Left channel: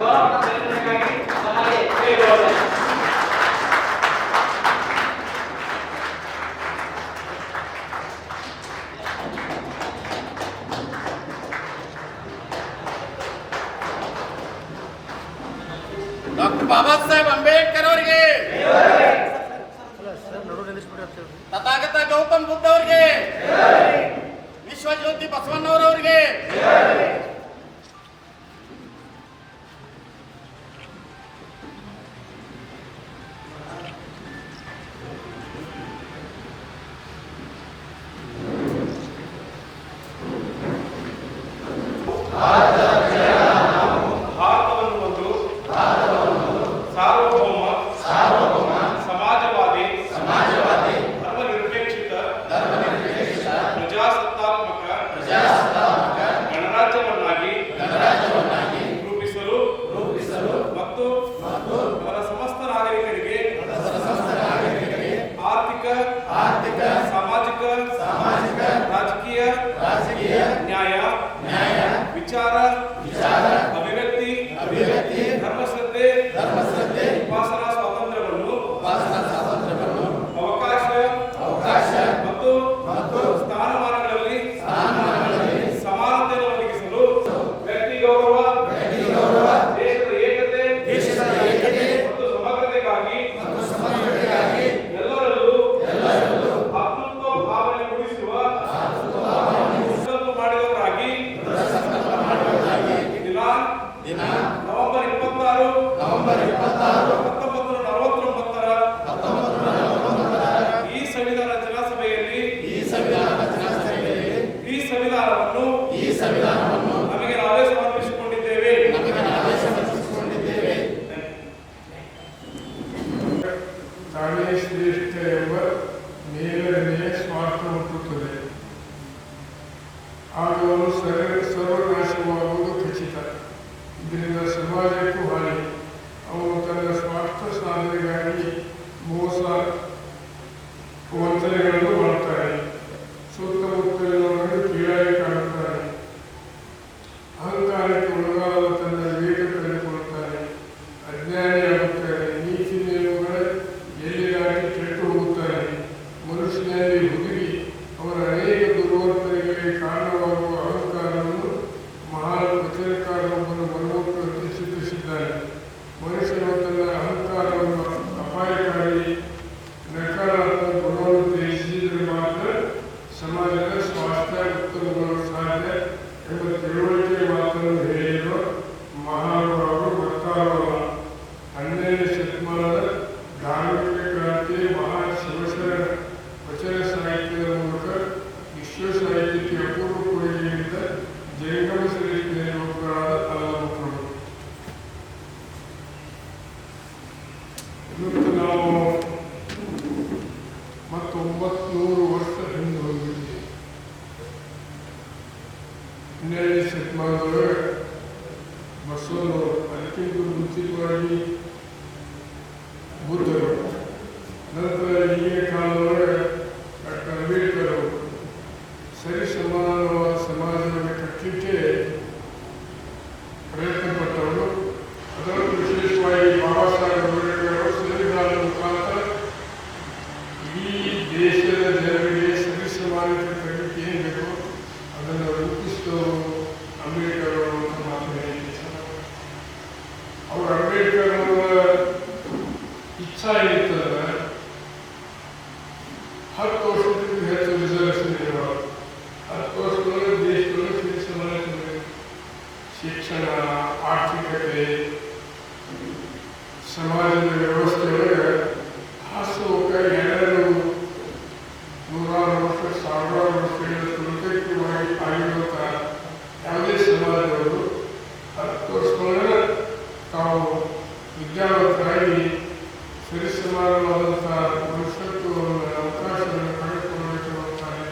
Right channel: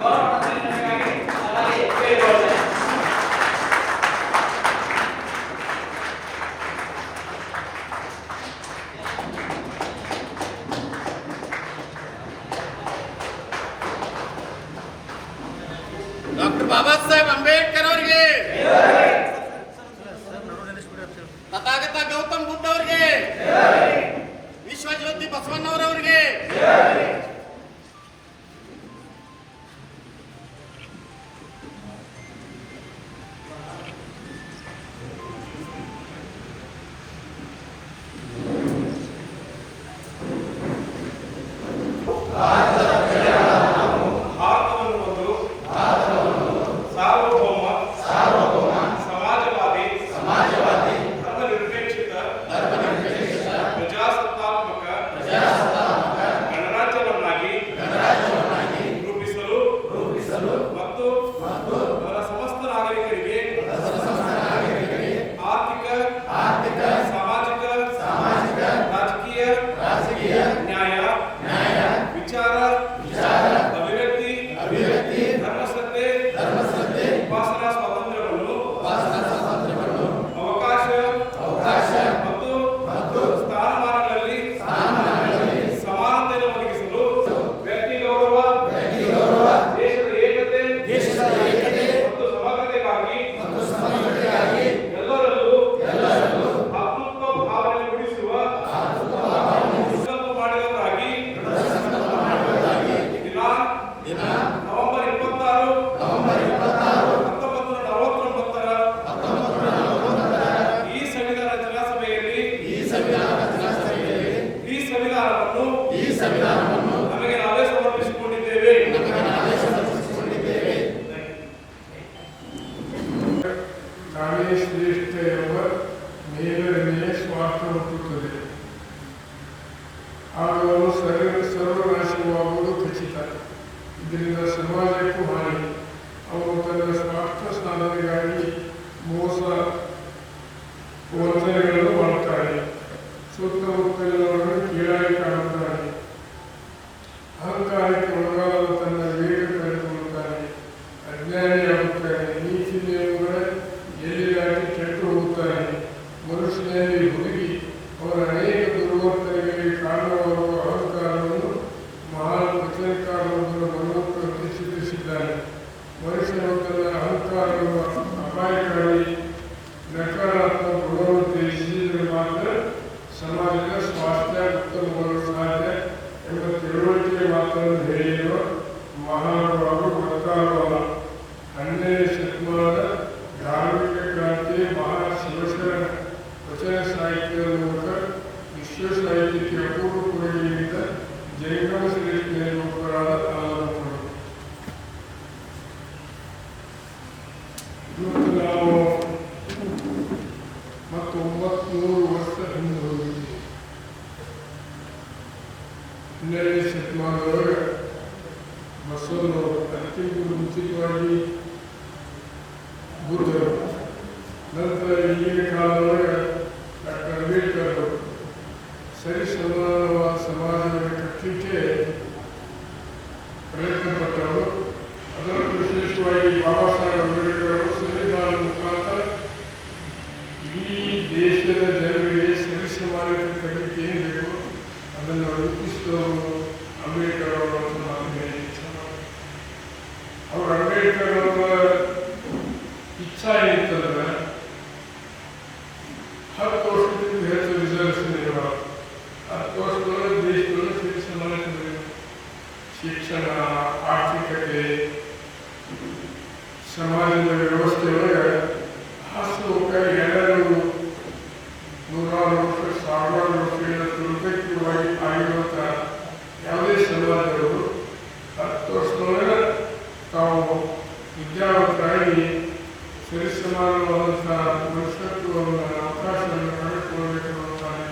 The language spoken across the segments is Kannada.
ಡಾಕ್ಟರ್ ಬಾಬಾ ಸಾಹೇಬ್ ಅಂಬೇಡ್ಕರ್ ಅವರಿಗೆ, ತಥಾಗತ ಗೌತಮ್ ಬುದ್ಧ ಅವರಿಗೆ, ವಿಶ್ವಜ್ಯೋತಿ ಬಸವಣ್ಣವರವರಿಗೆ, ನ್ಯಾಯ ವಿಚಾರ ಅಭಿವ್ಯಕ್ತಿ ಧರ್ಮಶ್ರದ್ಧೆ ಉಪಾಸನಾ ಸ್ವಾತಂತ್ರ್ಯವನ್ನು ಅವಕಾಶ ಮತ್ತು ಸ್ಥಾನಮಾನಗಳಲ್ಲಿ ಸಮಾನತೆಯನ್ನು ಒದಗಿಸಲು ವ್ಯಕ್ತಿ ಗೌರವ, ದೇಶದ ಏಕತೆ ಮತ್ತು ಸಮಗ್ರತೆಗಾಗಿ ಎಲ್ಲರಲ್ಲೂ ಭ್ರಾತೃತ್ವ ಭಾವನೆ ಮೂಡಿಸುವ ನವೆಂಬರ್ 26, 1949 ಈ ಸಂವಿಧಾನ ರಚನಾ ಸಭೆಯಲ್ಲಿ ಈ ಸಂವಿಧಾನವನ್ನು ನಮಗೆ ನಾವೇ ಸಮರ್ಪಿಸಿಕೊಂಡಿದ್ದೇವೆ. ನಾನೇ ಶ್ರೇಷ್ಠ ಎಂಬ ಮೇಲನೆಯ ಸ್ವಾರ್ಥ ಹುಟ್ಟುತ್ತದೆ. ಆಗ ಅವನು ಸರ್ವನಾಶವಾಗುವುದು ಖಚಿತ. ಇದರಿಂದ ಸಮಾಜಕ್ಕೂ ಹಾನಿ. ಅವನು ತನ್ನ ಸ್ವಾರ್ಥ ಸಾಧನೆಗಾಗಿ ಮೋಸ ವಂಚನೆಗಳನ್ನು ಮಾಡುತ್ತಾನೆ. ಸುತ್ತಮುತ್ತಲಿನವರನ್ನು ಕೀಳಾಗಿ ಕಾಣುತ್ತಾನೆ. ಅಹಂಕಾರಕ್ಕೆ ಒಳಗಾದ ತನ್ನ ವಿವೇಕ ಕಳೆದುಕೊಳ್ಳುತ್ತಾನೆ. ಅಜ್ಞಾನಿಯಾಗುತ್ತಾನೆ. ನೀತಿ ನಿಯಮಗಳ ಎಲ್ಲಿ ದಾಟಿ ಕೆಟ್ಟು ಹೋಗುತ್ತಾನೆ. ಮನುಷ್ಯನಲ್ಲಿ ಹುದುಗಿ ಅವರ ಅನೇಕ ದುರ್ವರ್ತನೆಗಳಿಗೆ ಕಾರಣವಾಗುವ ಅಹಂಕಾರವನ್ನು ಮಹಾನ್ ವಚನಕಾರರೊಬ್ಬರು ಮನಮುಖ ಚಿತ್ರಿಸಿದ್ದಾನೆ. ಮನುಷ್ಯನು ತನ್ನ ಅಹಂಕಾರವನ್ನು ಅಪಾಯಕಾರಿ ನಕಾರಾತ್ಮಕ ಗುಣವನ್ನು ತ್ಯಜಿಸಿದರೆ ಮಾತ್ರ ಸಮಾಜದ ಸ್ವಾಸ್ಥ್ಯ ಉತ್ತಮಗೊಳ್ಳಲು ಸಾಧ್ಯ ಎಂಬ ತಿಳುವಳಿಕೆ ಮಾತನ್ನು ಹೇಳಿರುವ ಮಹಾನುಭಾವರು ಮತ್ತಾರವರ 12ನೇ ಶತಮಾನದ ಧಾರ್ಮಿಕ ಕ್ರಾಂತಿಯ ಮಹಾ ಶಿವಶರಣ ವಚನ ಸಾಹಿತ್ಯದ ಮೂಲಕ ವಿಶ್ವ ಸಾಹಿತ್ಯಕ್ಕೆ ಅಪೂರ್ವ ಕೊಡುಗೆ ನೀಡಿದ ಜಂಗಮ ಶ್ರೇಷ್ಠ ನಿರೂಪಕರಾದ ಅಲ್ಲಮಕ್ಕಳು. ಇವತ್ತು ನಾವು 900 ವರ್ಷ ಹಿಂದೆ ಹೋಗಿದ್ದೀವಿ. 12ನೇ ಶತಮಾನದೊಳಗೆ ಬಸವಣ್ಣವರು, ಅದಕ್ಕಿಂತ ಮುಂಚಿತವಾಗಿ ಬುದ್ಧರು, ನಂತರ ಈಗಿನ ಕಾಲದೊಳಗೆ ಡಾಕ್ಟರ್ ಅಂಬೇಡ್ಕರ್ ಅವರು ಸರಿ ಸಮಾನವಾದ ಸಮಾಜವನ್ನು ಕಟ್ಟಲಿಕ್ಕೆ ಪ್ರಯತ್ನ ಪಟ್ಟವರು. ಅದರಲ್ಲೂ ವಿಶೇಷವಾಗಿ ಬಾಬಾ ಸಾಹೇಬ್ ಅಂಬೇಡ್ಕರ್ ಅವರು ಸಂವಿಧಾನದ ಮುಖಾಂತರ ಇಡೀ ದೇಶದ ಜನರಿಗೆ ಸರಿ ಸಮಾನತೆ ಕಟ್ಟಲಿಕ್ಕೆ ಏನು ಬೇಕು ಅದನ್ನು ರೂಪಿಸಿದವರು ಅಂಬೇಡ್ಕರ್ ಅವರು ಅಂತ ಮಾತು ಹೇಳಿದ್ದಾರೆ. ಅವರು ಅಂಬೇಡ್ಕರ್ ಅವರ ಇಚ್ಛಾ ಏನಿತ್ತಂದ್ರೆ 10 ವರ್ಷಕ್ಕಿಂತ ಹೆಚ್ಚು ರಿಸರ್ವೇಷನ್ ಇರಬಾರದು. 10 ವರ್ಷದೊಳಗೆ ದೇಶದೊಳಗೆ ಸರಿ ಸಮಾನತೆ ಬೇಕು. ಶಿಕ್ಷಣ, ಆರ್ಥಿಕತೆ, ಸಮಾಜದ ವ್ಯವಸ್ಥೆಯೊಳಗೆ ಹಾಸುಹೊಕ್ಕ ಎಲ್ಲರೂ 100 ವರ್ಷ 1000 ವರ್ಷಗಳ ಸುರಕ್ಷಿತವಾಗಿ ಆಗಿರುವಂಥ ಯಾವುದೇ ಸಮಾಜದವರು 10 ವರ್ಷದೊಳಗೆ ತಾವು ವಿದ್ಯಾವಂತರಾಗಿ ಸರಿ ಸಮಾನವಾದಂಥ ಮನುಷ್ಯತ್ವವನ್ನು ಅವಕಾಶವನ್ನು ಕಂಡುಕೊಳ್ಳಬೇಕೆನ್ನುತ್ತಾರೆ.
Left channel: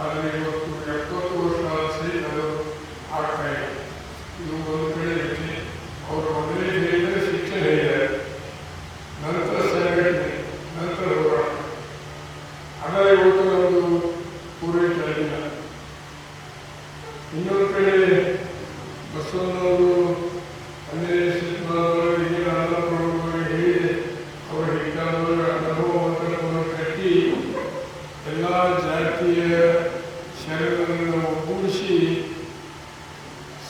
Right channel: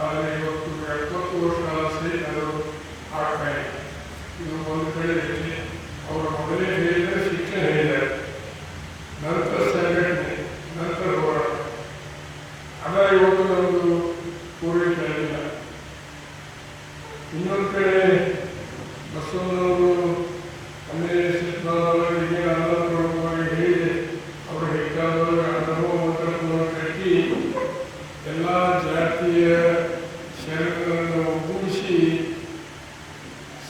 ಆದರೆ ಇವತ್ತು 70 ವರ್ಷ ಸಹಿತ ಅದು ಆಗ್ತಾ ಇದೆ. ಇದು ಒಂದು ಕಡೆ ಇರುತ್ತೆ. ಅವರು ಮೊದಲೇ ಹೇಳಿದರೆ ಶಿಕ್ಷಣ ಹೇಳಿದ್ದಾರೆ, ನಂತರ ಸಂಘಟನೆ, ನಂತರ ಹೋರಾಟ. ಆದರೆ ಇವತ್ತು ನಮ್ಮದು ಪೂರೈಕೆ ಆಗಿಲ್ಲ. ಇನ್ನೊಂದು ಕಡೆ ಬಸವಣ್ಣವರು 12ನೇ ಶತಮಾನದೊಳಗೆ ಏನು ಅನ್ನಪೂರ್ಣವಾಗಿ ಹೇಳಿದೆ ಅವರು ಹೆಚ್ಚಾದವರು ಅನುಭವವನ್ನು ಕಟ್ಟಿ ಎಲ್ಲ ಜಾತಿಯ ಶರಣರನ್ನು ಒಗ್ಗೂಡಿಸಿ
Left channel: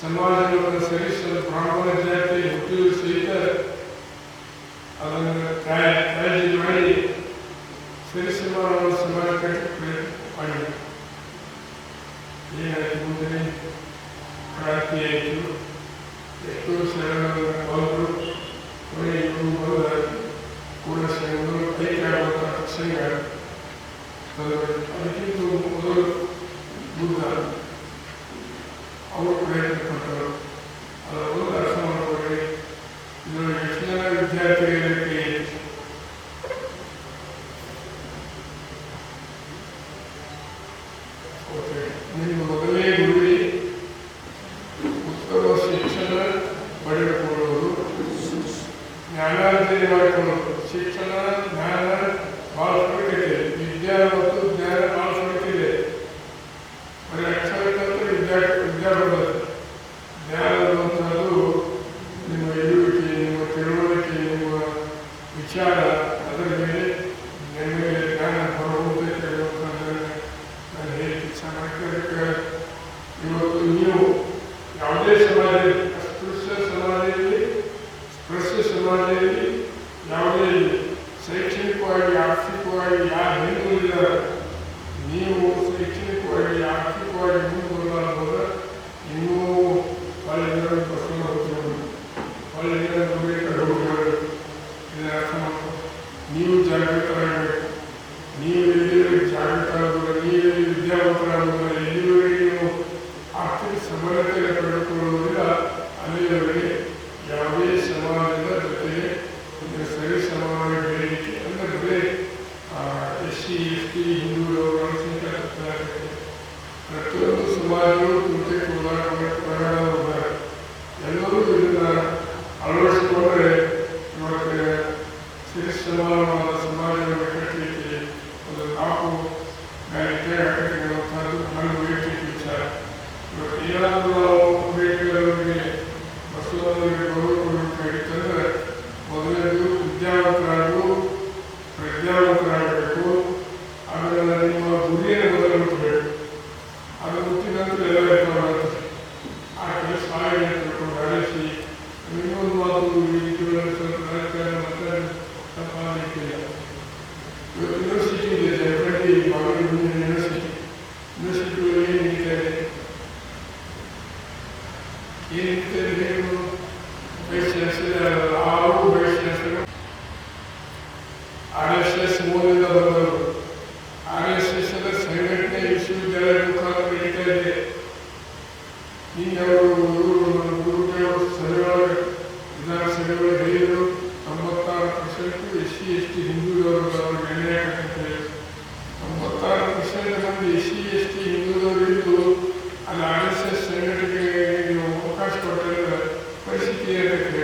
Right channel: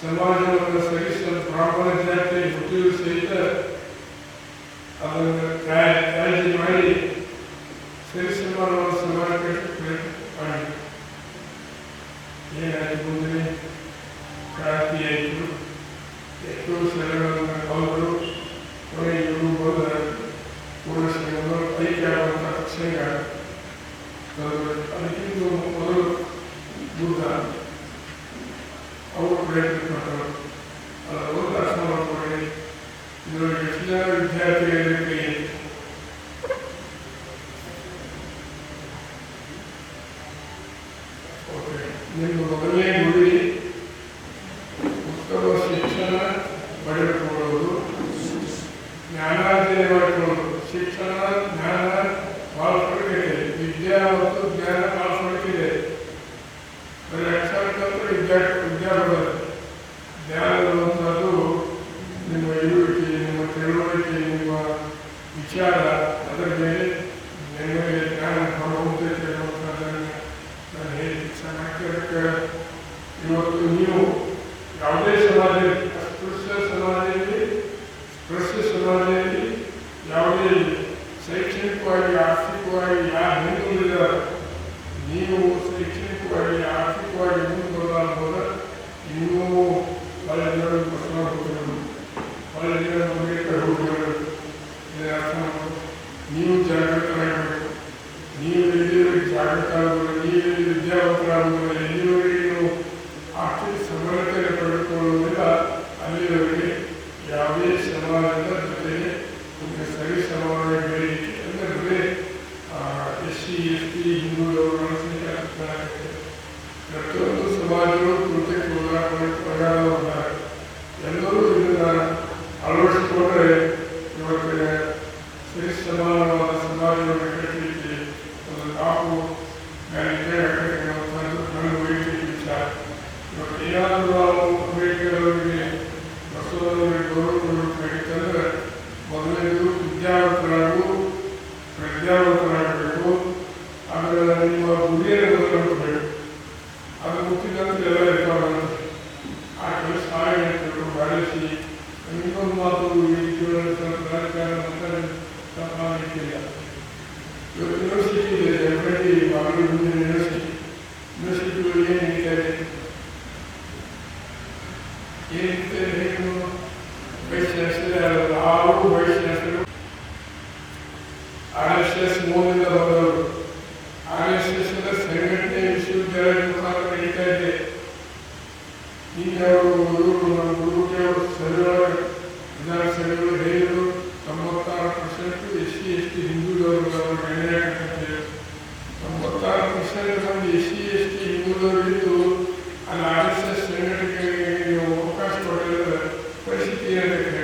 ಸಮಾಜವನ್ನು ಸರಿಸಲು ಬ್ರಾಹ್ಮಣ ಜಾತಿ ಹುಟ್ಟಿಯೂ ಸಹಿತ ಅದನ್ನು ಕಾಳಜಿ ಮಾಡಿ ಸರಿಸಮಾನ ಸಮಾಜ ಕಟ್ಟಕ್ಕೆ ಮಾಡಿದೆ. ಏನಾಯ್ತು ಮುಂದೆ ಕ್ರಾಂತಿ ಆಯಿತು, ಎಷ್ಟೋ ಶರಣರನ್ನು ಕಳೆದರು, ಕೊನೆಗೆ ಇವರು ಬಂದ ಕೂಡಶರಣರು ಐಕ್ಯ ಆಗುವಂಥ ಪ್ರಸಂಗ. ಅದಕ್ಕಿಂತ ಮೊದಲು ಬುದ್ಧ ಅವರು ಪ್ರಯತ್ನ ಪಟ್ಟರು. ಅದರ ಒಂದು ಅರ್ಥವನ್ನು ಬಗ್ಗೆ ಇದರಲ್ಲಿ ಹೆಚ್ಚಿನ ವಿದ್ಯಾರ್ಥಿಗಳಿಗೆ ನಿಮ್ಮ ಮೊದಲನೇ ಗುರಿ ಉತ್ತಮ ಶಿಕ್ಷಣ ಪಡೆದುಕೊಳ್ಳುವುದು, ಜ್ಞಾನಾರ್ಜನೆ ಮಾಡಿಕೊಳ್ಳುವುದು. ಶಿಕ್ಷಣ ಜ್ಞಾನ ಭಾಳ ಫರಕಿದೆ, ವಿದ್ಯಾ ಮತ್ತು ಜ್ಞಾನ ಭಾಳ ಫರಕಿದೆ. ಬರೀ ಅಕ್ಷರಕ್ಕಂತೂ ವಿದ್ಯಾ ಬರೋದು. ಜ್ಞಾನ ಬರುವಂಥದ್ದು ನಿಮ್ಮ ಇರುವಿಕೆ, ನಿಮ್ಮ ತಿಳುವಳಿಕೆ, ನಿಮ್ಮ ವಿಚಾರ, ಅದರ ಮೇಲೆ ನಿಮಗೆ ಜ್ಞಾನ ಹೊರಗುಂತೈತೆ ಅನ್ನುವಂಥದ್ದನ್ನು ನಾನು ಹೇಳಿ ಇಚ್ಛೆ ಮಾಡ್ತಿದ್ದಕ್ಕೆ ಇವತ್ತು ನೀವು ಯಾವುದೇ ಸಮಾಜದಲ್ಲಿ, ಅಸ್ಪೃಶ್ಯ ಸಮಾಜದಲ್ಲಿ ಯಾವುದೇ ಶೈಕ್ಷಣಿಕವಾಗಿ ಆರ್ಥಿಕವಾಗಿ ಯಾರು ಹಿಂದುಳಿದಾರ, ನೀವು ಶೈಕ್ಷಣಿಕವಾಗಿ ಆರ್ಥಿಕವಾಗಿ ಮುಂದುವರೆದ ನೀವು ಹೊಳೆಗಳ ಬಸವ ಹೋಗಿರೋದು, ಹೊಳೆಗಳ ಅಂಬೇಡ್ಕರ್ ಹೋಗಿರೋದು. ಇದರ ಅರ್ಥ ನೀವು ಜಾಗೃತರಾಗಬೇಕು. ನೀವು ಎಲ್ಲಿವರೆಗೆ ಜಾಗೃತ ಆಗುವುದಿಲ್ಲ, ನೀವು ವಿದ್ಯಾವಂತರಾಗುವುದಿಲ್ಲ, ಎಲ್ಲಿವರೆಗೆ ನೀವು ಆರ್ಥಿಕ ಸಬಲತೆಯನ್ನು ಪಡೆದುಕೊಳ್ಳುವುದಿಲ್ಲ, ಅಲ್ಲಿಯವರೆಗೆ ಯಾವುದೇ ಸಮಾಜದ ಜೊತೆಗೆ ಸರಿ ಸಮಾನವಾಗಿ ಬೆಳೆಯಲಿಕ್ಕೆ ಅಂದರೆ SC ST ಹಿಂದುಳಿದವರು ಅಲ್ಪಸಂಖ್ಯಾತರಿಗೆ ಪ್ರತಿಯೊಂದು ಸಮಾಜಗಳು ಕೃತ್ಯಕ್ಕೆ ಒಳಗಾದವರಾಗಿದ್ದಾರೆ. ಎಲ್ಲರೂ ಇದನ್ನು ಅಳವಡಿಸಿಕೊಂಡ್ರೆ ಇವತ್ತಿನ ಸರಿ ಸಮಾನವಾದ ಸಮಾಜವನ್ನು ಕಟ್ಟಲಿಕ್ಕೆ ಒಂದು ಕಾಪು ಗಾಯಕ್ಕೆ ಹಾಕಬೇಕನ್ನುವಂಥದ್ದು ನನ್ನ ವೈಯಕ್ತಿಕ ವಿಚಾರ. ಇವತ್ತು ಏನಾದರೂ ನಾವು ಅಂಬೇಡ್ಕರ್ ಅವರಿಗೆ ಬಸವನವರಿಗೆ ಗೌರವ ಕೊಡಬೇಕಾಗಿತ್ತಂದ್ರೆ ಮೊದಲನೇದು ಪ್ರಜ್ಞಾವಂತರಾಗಬೇಕು. ಆಮೇಲೆ ನಿಮ್ಮ ಗುರಿಯನ್ನು ಮೊದಲು ಮುಟ್ಟಬೇಕು. ಅದು ಮುಟ್ಟಿದ ನಂತರ ಎಲ್ಲ ಇರ್ತಾವೆ. ಆ ಕೆಲಸ ಆಗಬೇಕು ಬಾಳಿಸಿ. ಇನ್ನೊಂದು ಮಾತು ತಪ್ಪಾಗಲಿಕ್ಕಿಲ್ಲ. ಇವತ್ತು ಯೂನಿವರ್ಸಿಟಿ ಇದೆ, ಜಮಖಂಡಿ ಬಾಗಲಕೋಟೆ ಯೂನಿವರ್ಸಿಟಿ ಏನು ನಡೀತಾ ಇದೆ, ಏನು ವೈಸ್ ಚಾನ್ಸಲರ್ ಅವರು ವೈಸ್ ಚಾನ್ಸಲರ್ RSS ಮೂಲದಿಂದ ಬಂದವರು. RSS ಅಂದರೆ ಸಂಘಟನೆ ವಿಶ್ವವಿದ್ಯಾಲಯ ಮುಖಾಂತರ ನಡೀತಾ ಇದೆ. ಈಗ ಅವರು ಗುರುಗಳು ಸಭೆಯೊಳಗೆ ವಿಧಾನಸಭೆಗಳು ಹೇಳಿದರು 96% SC ST ಹಿಂದುಳಿದವರು ಅವರು ನಿರ್ಣಯ ಕಟ್ಟಿದ್ದಾರೆ. 96% ನಮಗೆ SC ST ಹಿಂದುಳಿದವರು ಇದ್ದು ಅಲ್ಲಿ RSS ಸಂಘಟನೆಗೆ ನೀವು ಅವಕಾಶ ಕೊಟ್ಟರೆ ಪರಿಸ್ಥಿತಿ ಏನಕ್ಕೆ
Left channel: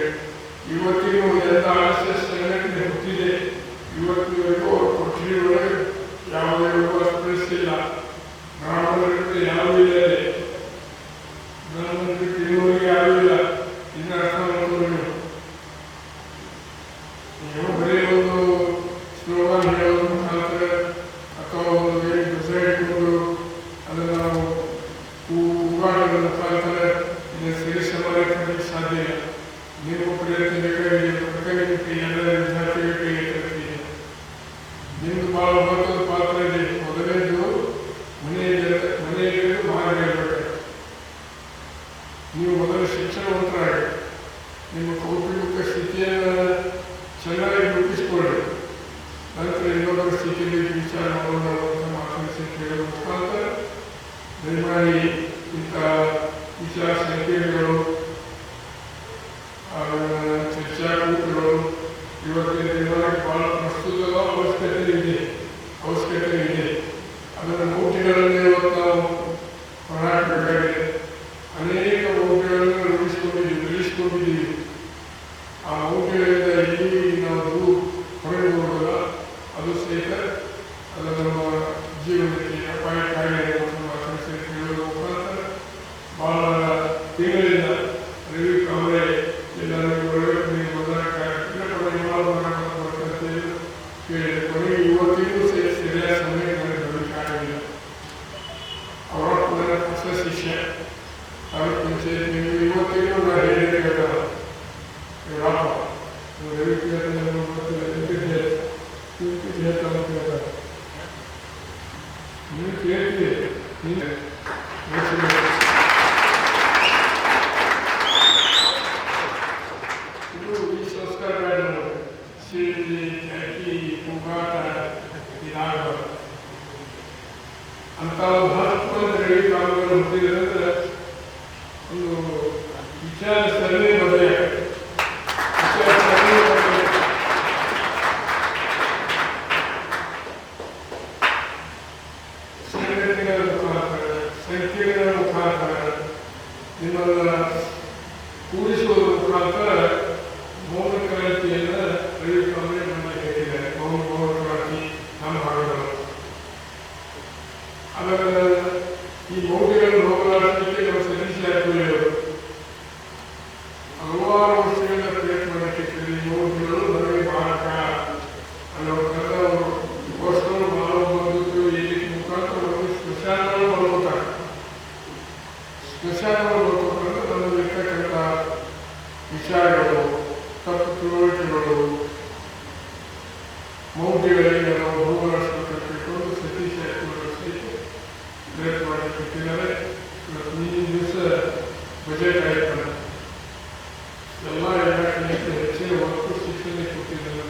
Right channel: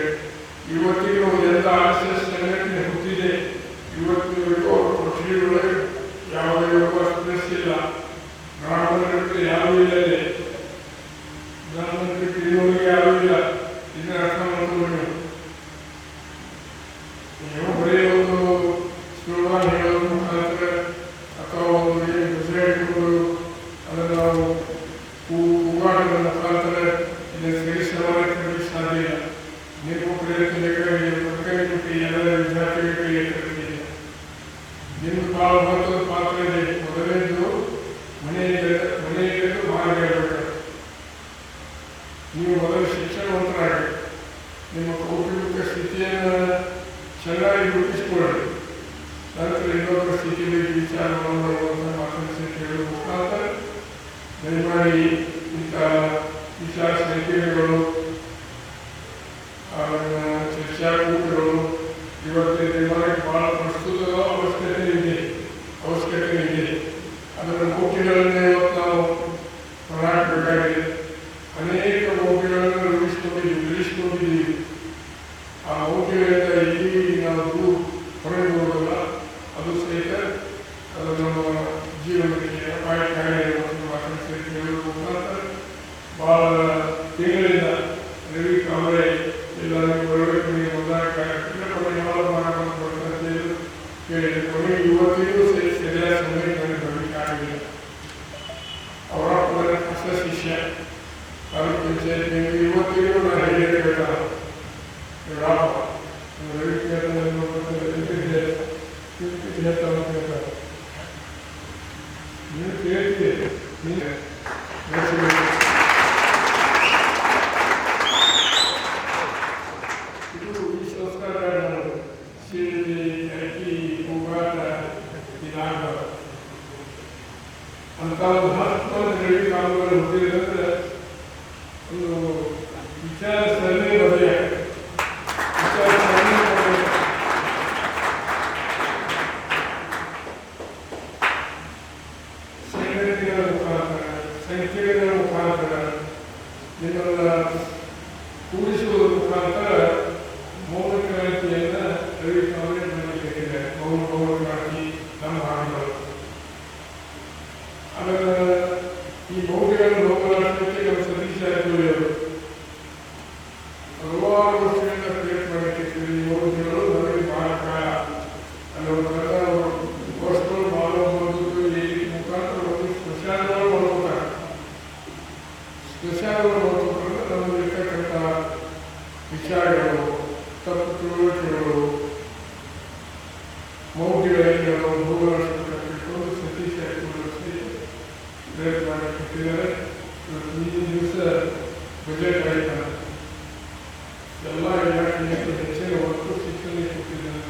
ಇವತ್ತಿಗೂ ಎಲ್ಲ RSS ಸಂಘಟನೆ ಹುಟ್ಟಿದೆ. ಇವತ್ತಿನವರೆಗೂ ಅವರು ಕೊಠಡಿಯೊಳಗೆ ಯಾವುದೇ ಅವಕಾಶ ಇಲ್ಲ. ಬ್ರಾಹ್ಮಣರಿಗೆ ಯಾರೂ ಇಲ್ಲದೆ, ಬ್ರಾಹ್ಮಣರಿಗೆ ಇನ್ನೂರಿಗೆ ಯಾರೂ ಇಲ್ಲ. ಇದನ್ನ ಅರ್ಥ ಮಾಡ್ಕೊಂಡು ನೀವು ಬರೀ ಒಂದು ಸ್ಲೋಗಾನ್ ಹೇಳೋದ್ರ ಮುಖಾಂತರ ಅಥವಾ ಒಂದು ದಸರಾ ಇಟ್ಕೊಂಡು ಅದನ್ನು ನಾವು ಹೂಗಾಟದ ಮುಖಾಂತರ ಇದನ್ನು ಸರಿ ಸಮಾನಕ್ಕೆ ಸಾಧ್ಯ ಇಲ್ಲ. ನಿಮ್ಮ ಪ್ರಯತ್ನ ಬೇಕಾಗಿ ಸರ್ಕಾರಿ ಕೈ ಎಲ್ಲ ವಿದ್ಯಾರ್ಥಿಗಳ ಕೈ ಎತ್ತಬೇಕು. ನಿಮ್ದು ಭಾಳ ಮಹತ್ವದ ಪಾತ್ರ ಇದೆ. ಮೊದಲನೇದು ಮನೆಯಲ್ಲಿ ಮಾರ್ಗಬೇಕು. ನೀವು ಮೊದಲು ಶಿಕ್ಷಣವಂತರಾಗಬೇಕು. ನಿಮ್ಮ ಕೌಟುಂಬಿಕ ಸ್ಥಿತಿಯನ್ನು ಚೆನ್ನಾಗಿ ರೂಪಿಸಿಕೊಳ್ಳಿ. ನಂತರ ಇನ್ನೊಬ್ಬರ ಸ್ಥಿತಿ ಬಗ್ಗೆ ವಿಚಾರ ಮಾಡುವಂಥ ಮಾತನ್ನು ಕೇಳುವ ಮುಖಾಂತರ ದಯಮಾಡಿ ಇಂಥ ವಿಚಾರ ಸಂಕಿರಣಗಳು, ಚರ್ಚಾಕೂಟಗಳು ಇವತ್ತಿನ ದಿನಗಳಿಗೆ ಬಹಳ ಪ್ರಸ್ತುತ ಅವಶ್ಯಕತೆ ಇದೆ. ಅದನ್ನು ಮೌಖಿಗಳನ್ನು ಇವತ್ತು ನಾವು ಹೋರಾಡಬೇಕಾಗಿದೆ. ಅನೇಕ ಮೌಖಿಗಳನ್ನು ರೂಢಿಸಿಕೊಂಡಿದ್ದೀವಿ. ಆ ಮೌಖಿಗಳಿಂದ ಎಲ್ಲಿ ನಾವು ಹೊರಗೆ ಹೋಗಲ್ಲ, ಅದು ಸಹಿತ ಅದು ನಮ್ಮ ಜೀವನಕ್ಕೆ ಅಪಾಯಕಾರಿ ಮಾತನಾಡಿ ಕೇಳುವ ಮುಖಾಂತರ ಬಹಳ ತಿಂಗಳಿಂದ ರವಿ ಕಮರೆ ತಾಲೂಕು ಪಂಚಾಯತ್ ನೀವು ಇವತ್ತಿಗೂ ನಾನು ಹೇಳಿರ್ಬೇಕಲ್ಲ ರಾಮ ರವಿಕೇತನಲ್ಲಿ ಗೊತ್ತಿಲ್ಲ ಇಂತಿದ್ದೆ ಹೇಳ್ತಾ ಅಂತ ಹೇಳ್ತಾರೆ ನೀವು ಕೇಳ್ತೀವಿ ನೀನು ಇದು ಈ ಸಂಸ್ಕಾರಗಳನ್ನು ಸೀಟಿ ಅಕ್ಕಿ ಕೂಗಾಟ ಇದಾಗ ಅಂತ ಒಂದು 10 ಮಂದಿ ರವಿ ಕಾಲುಗಳು ಹುಟ್ಟಿದ್ರೆ ಅಂದರೆ ಒಂದು ವಿಚಾರ ಸರಣಿ ಬದಲೇ ವಿಚಾರ ಸರಣಿ ಬದಲೇ ಸಂಘಟನೆಗಳ ಮುಖಾಂತರ ಸಂಖ್ಯೆಗಳ ಮುಖಾಂತರ ನಿಮ್ಮನ್ನ ಕೂಡಿಸುವುದರ ಮುಖಾಂತರ ಮೌನ ಕ್ರಾಂತಿಯನ್ನು ರವಿ ಕಾಂಗ್ರೆಸ್ ಮಾಡಲಿಕ್ಕೆ ಮೌನ ಕ್ರಾಂತಿ ನಮ್ಮ ಭಾಗದವರು ಆಮೇಲೆ ಈ ಮೌಢ್ಯಗಳನ್ನು ಹೋಗಲಾಡಿಸಲಿಕ್ಕೆ ನಮ್ಮ ಸತೀಶ್ ಜಾರಕಿಹೊಳಿಯವರು ಹಲವಾರು ವರ್ಷಗಳಿಂದ ಪ್ರಯತ್ನ ಮಾಡಲಿಕ್ಕೆ ಈ ಮೌಢ್ಯಗಳು ನನಗೆ ಮಾರಕ ಅನ್ನೋದನ್ನ ವಸ್ತುಗಳು ಮಾಡಬಹುದು ಈ ಮುಖಾಂತರ ಒಂದು ಸ್ಮಶಾನಗಳು ಮಾಡ್ತಾರೆ ಸ್ಮಶಾನಗಳು ಮಾಡ್ಬೇಕಂದ್ರೆ ನಮ್ಮಲ್ಲಿರ್ತಕ್ಕಂಥ ವಿಚಾರಗಳು ತಪ್ಪು ತಿಳುವಳಿಕೆಗಳು ಮೌಢ್ಯಗಳಿಗೆ ನಾವು ಹೋಗಲಾಡಿಸಬೇಕಂತ ಸತೀಶ್ ಜಾರಕಿಹೊಳಿ ಪ್ರಯತ್ನ ಮಾಡಿಕೊಟ್ಟಿದ್ದಾರೆ ಮುಂದಿನ ದಿವಸ ಬಜೆಟ್ ಆಯ್ತಲ್ಲ ಎಲ್ಲ ಇಲಾಖೆಯಲ್ಲಿ ಹೆಚ್ಚಿನ ಒತ್ತು ಶಿಕ್ಷಣಕ್ಕೆ ಕೊಟ್ಟಿದ್ದಾರೆ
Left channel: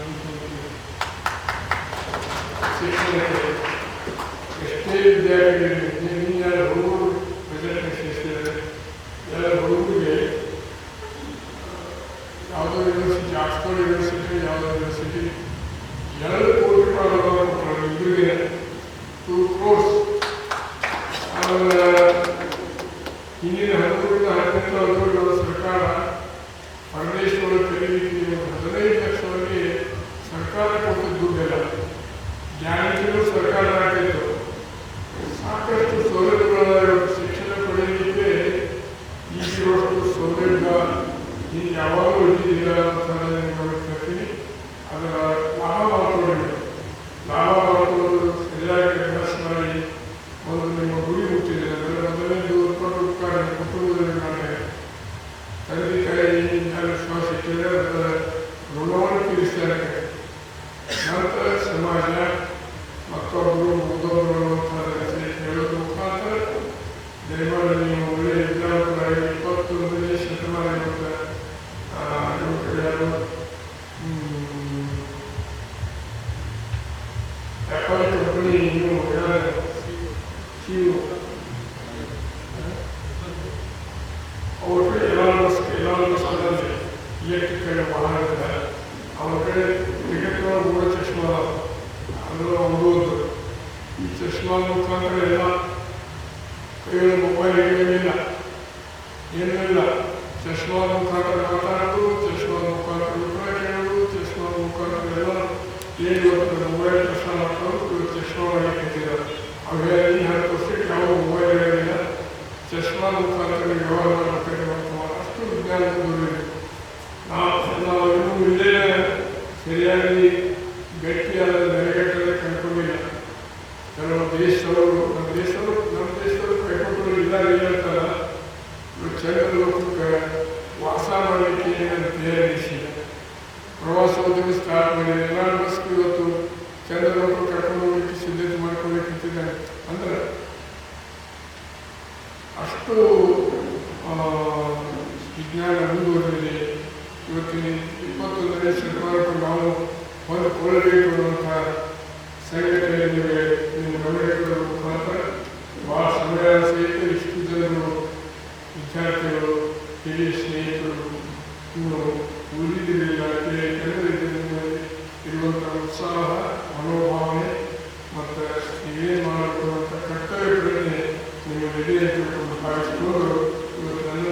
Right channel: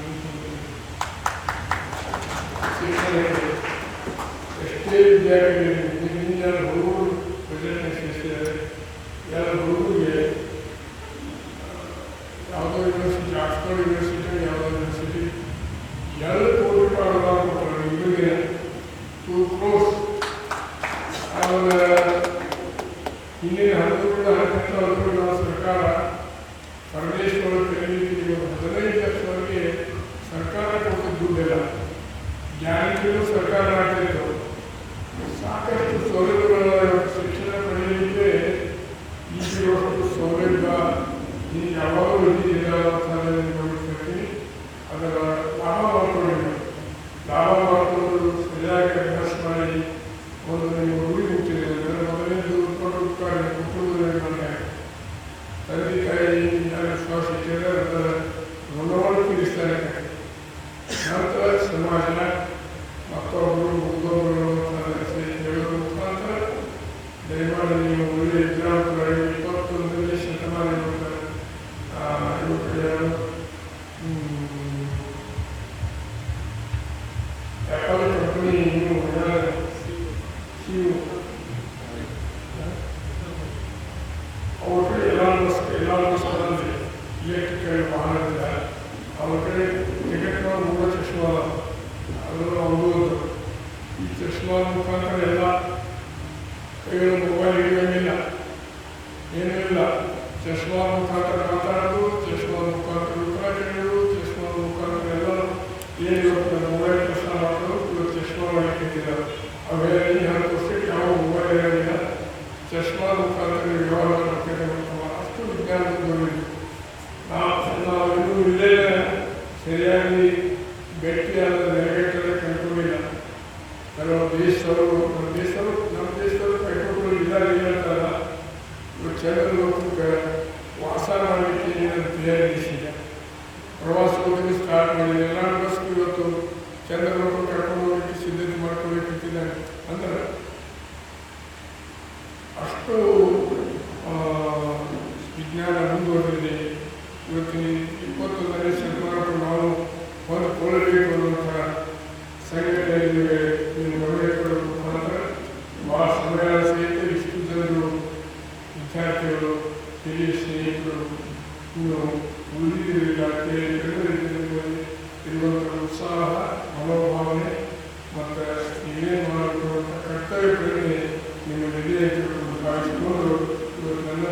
ಶಿಕ್ಷಣಕ್ಕೆ ಎಷ್ಟೇ ವಿದ್ಯಾರ್ಥಿಗಳಿಗೆ ನಿನ್ನೆ ಹುಡುಗರು ಬಜೆಟ್ನ ಸೇರಿಸಿದ್ದಾರೆ ಎಲ್ಲ ಹುಡುಗರಿಗೆ ಯಾವುದೋ ಯೂನಿವರ್ಸಿಟಿ ಆಕ್ಸ್ಫರ್ಡ್ ಯೂನಿವರ್ಸಿಟಿ ಯಾವುದೋ ಯೂನಿವರ್ಸಿಟಿ 2 ಕೋಟಿ ರೂಪಾಯಿ ಅನುದಾನ ಕೊಡ್ತಾರೆ ಇವರಿಗೆ 2 crores ಆಮೇಲೆ ಹಿಂದಿನ 13ರಿಂದ 18 ವರ್ಷಗಳ ಸರ್ಕಾರ ಪರಮೇಶ್ವರ ತೆಗೆಯಲಿಕ್ಕೆ 15 ಲಕ್ಷವರೆಗೆ ಸರ್ಕಾರ ಕೊಟ್ಟ ದುಡ್ಡೆಲ್ಲ ಜ್ಞಾನಿಗಳು ಸರ್ಕಾರ ಮಾಡ್ತಿತ್ತು ಸಾಕಷ್ಟು ಸೌಲಭ್ಯಗಳ ಶಿಕ್ಷಣ ಪಡೆಯಲಿಕ್ಕೆ ಈಗಿರುವಷ್ಟು ಸೌಲಭ್ಯ ನೀವು ಯಾವಾಗಲೂ ಇದ್ದಿಲ್ಲ ಅಂತ ನಾನು ಹೇಳ್ತೀನಿ ಅದರ ಲಾಭ ಮಾಡಿಕೊಳ್ಳಿ ಲಾಭ ಮಾಡಿಕೊಂಡು ಸರಿಯಾಗಿ ಅಭ್ಯಾಸ ಮಾಡಿ ಒಂದು ನಿಮ್ಮ ಗುರಿ ಮುಟ್ಟಿದೆ ಅಂದರೆ ಮೊದಲನೇದು ಉತ್ಪನ್ನ ಕುಟುಂಬದಲ್ಲಿ ತಂದೆ ತಾಯಿ ವಿಶ್ವಾಸ ಇಟ್ಟಿದೆ ಅದರ ಋಣವನ್ನು ತೀರಿಸ್ತಾರೆ ನಂತರ ಸಮಾಜ ಮತ್ತೊಬ್ಬರು ಮುಗಿದವರು ಅಂತ ಹೇಳೋದ್ರ ಮುಖಾಂತರ ದಯಮಾಡಿ ನೀವು ಒಳ್ಳೆಯ ವಿದ್ಯಾರ್ಥಿಗಳಾಗಿ 21ನೇ ಶತಮಾನ ಯುವಕರು ಆ್ಯಪಲ್ ಕಂಪನಿ ನೀವು ಅವ್ರ ಕಡೆ ಎಲ್ಲ ಸ್ಥಳದಲ್ಲಿ ಇಲೆಕ್ಟ್ರಿಕಲ್ ವಾಹನ ಅವ್ರ ಕಡೆ ತೆಗೆದುಕೊಳ್ಳೋ 3 ಚಶ್ಮಾ ಅದನ್ನು ಓದುವುದು ಈ ಚಶ್ಮಾ ಮುಖಾಂತರ ಎಲ್ಲ ಕೈಯಲ್ಲಿ ಮೊಬೈಲ್ ಇಡುವಂಗಿಲ್ಲ ಏನೂ ಇಲ್ಲ ಚಶ್ಮಾ ಮುಖಾಂತರ ಮಾತಾಡೋದು ಚಶ್ಮಾ ಮುಖಾಂತರ ಉತ್ತರ ಕೇಳೋದು ಚಶ್ಮಾ ಮುಖಾಂತರ ಎಲ್ಲ ಏನು ಇವತ್ತು ಮೊಬೈಲ್ ಕೆಲಸ ಮಾಡೋದು ಇವತ್ತು ಚಶ್ಮಾ ಮಾಡಲಿಕ್ಕಿದ್ದಾರೆ ಅವೆಲ್ಲ 10 ವರ್ಷಕ್ಕೆ ಯಾವ ಮೊಬೈಲ್ ಇರೋದಿಲ್ಲ ಚಶ್ಮಾ ಮುಖಾಂತರ ವ್ಯವಹಾರ ಮಾಡಬೇಕಾದ್ರೆ ಅಷ್ಟು ವಿಜ್ಞಾನದಲ್ಲಿ ನಾವು ಇನ್ನೂ ಇಲ್ಲೇ ಸರಿಯಾಗಿ ಗಟ್ಟಿಯಾದ ನೆಲೆಗಟ್ಟಲೆ ಕಂಡುಕೊಂಡಿಲ್ಲ ಕೆಲವು ದೇಶದವರು ನಮ್ಮ ದೇಶದವರು ಕೈಕೊಟ್ಟರು ಇದ್ದಾರೆ ಹೇಳ್ತಾರ ಚಂದ್ರಲೋಕಕ್ಕೆ ವಾಸ ಮಾಡಲಿಕ್ಕೆ ಏನನ್ನು ತಯಾರಿಸಿಲ್ಲ ಪ್ರವಾಸೋದ್ಯಮ ಸ್ಟಾರ್ಟ್ ಮಾಡಿ ಎಲ್ಲ ಬಸ್ಗೂ ಇವತ್ತು ಚಂದ್ರಲೋಕ ಕರ್ಕೊಂಡು ಹೋಗ್ಲಿಕ್ಕೆ ಸಿದ್ಧತೆ ಮಾಡ್ಕೊಳ್ಬೇಕಿದ್ದಾರೆ ಅಂದ್ರೆ ಅಷ್ಟು ವಿಜ್ಞಾನ ಮುಂದುವರೆದಿದೆ ಇವತ್ತಿನ 21ನೇ ಶತಮಾನಕ್ಕೆ ನಾವು ಹೊಂದಿಕೊಳ್ಳಬೇಕು ಅನ್ನುವಂಥ ಸಂಘಟನೆಗಳಿವೆ ಗಮನಿಗಳ ಮುಖಾಂತರ ಭಾಳ ಸಮಯ ಸಹಿತ ಇಷ್ಟು ಜನರು ವಿದ್ಯಾರ್ಥಿಗಳು ಹಿರಿಯ ಸ್ನೇಹಿತರು ಇನ್ನು ಉಳಿದಿರಲಿಲ್ಲ ಇರುವಂಥ ಉತ್ಸಾಹ ಮನೋಭಾವನೆ ಮತ್ತು ಏನೇನು ಮಾಡಬೇಕು ಅಂತ ಕರ್ತವ್ಯ ಪ್ರಜ್ಞೆ ನಿಮ್ಮ ಹಿರಿಯ ಭಾವಿಸಿಕೊಂಡು ಇವತ್ತು ನನ್ನ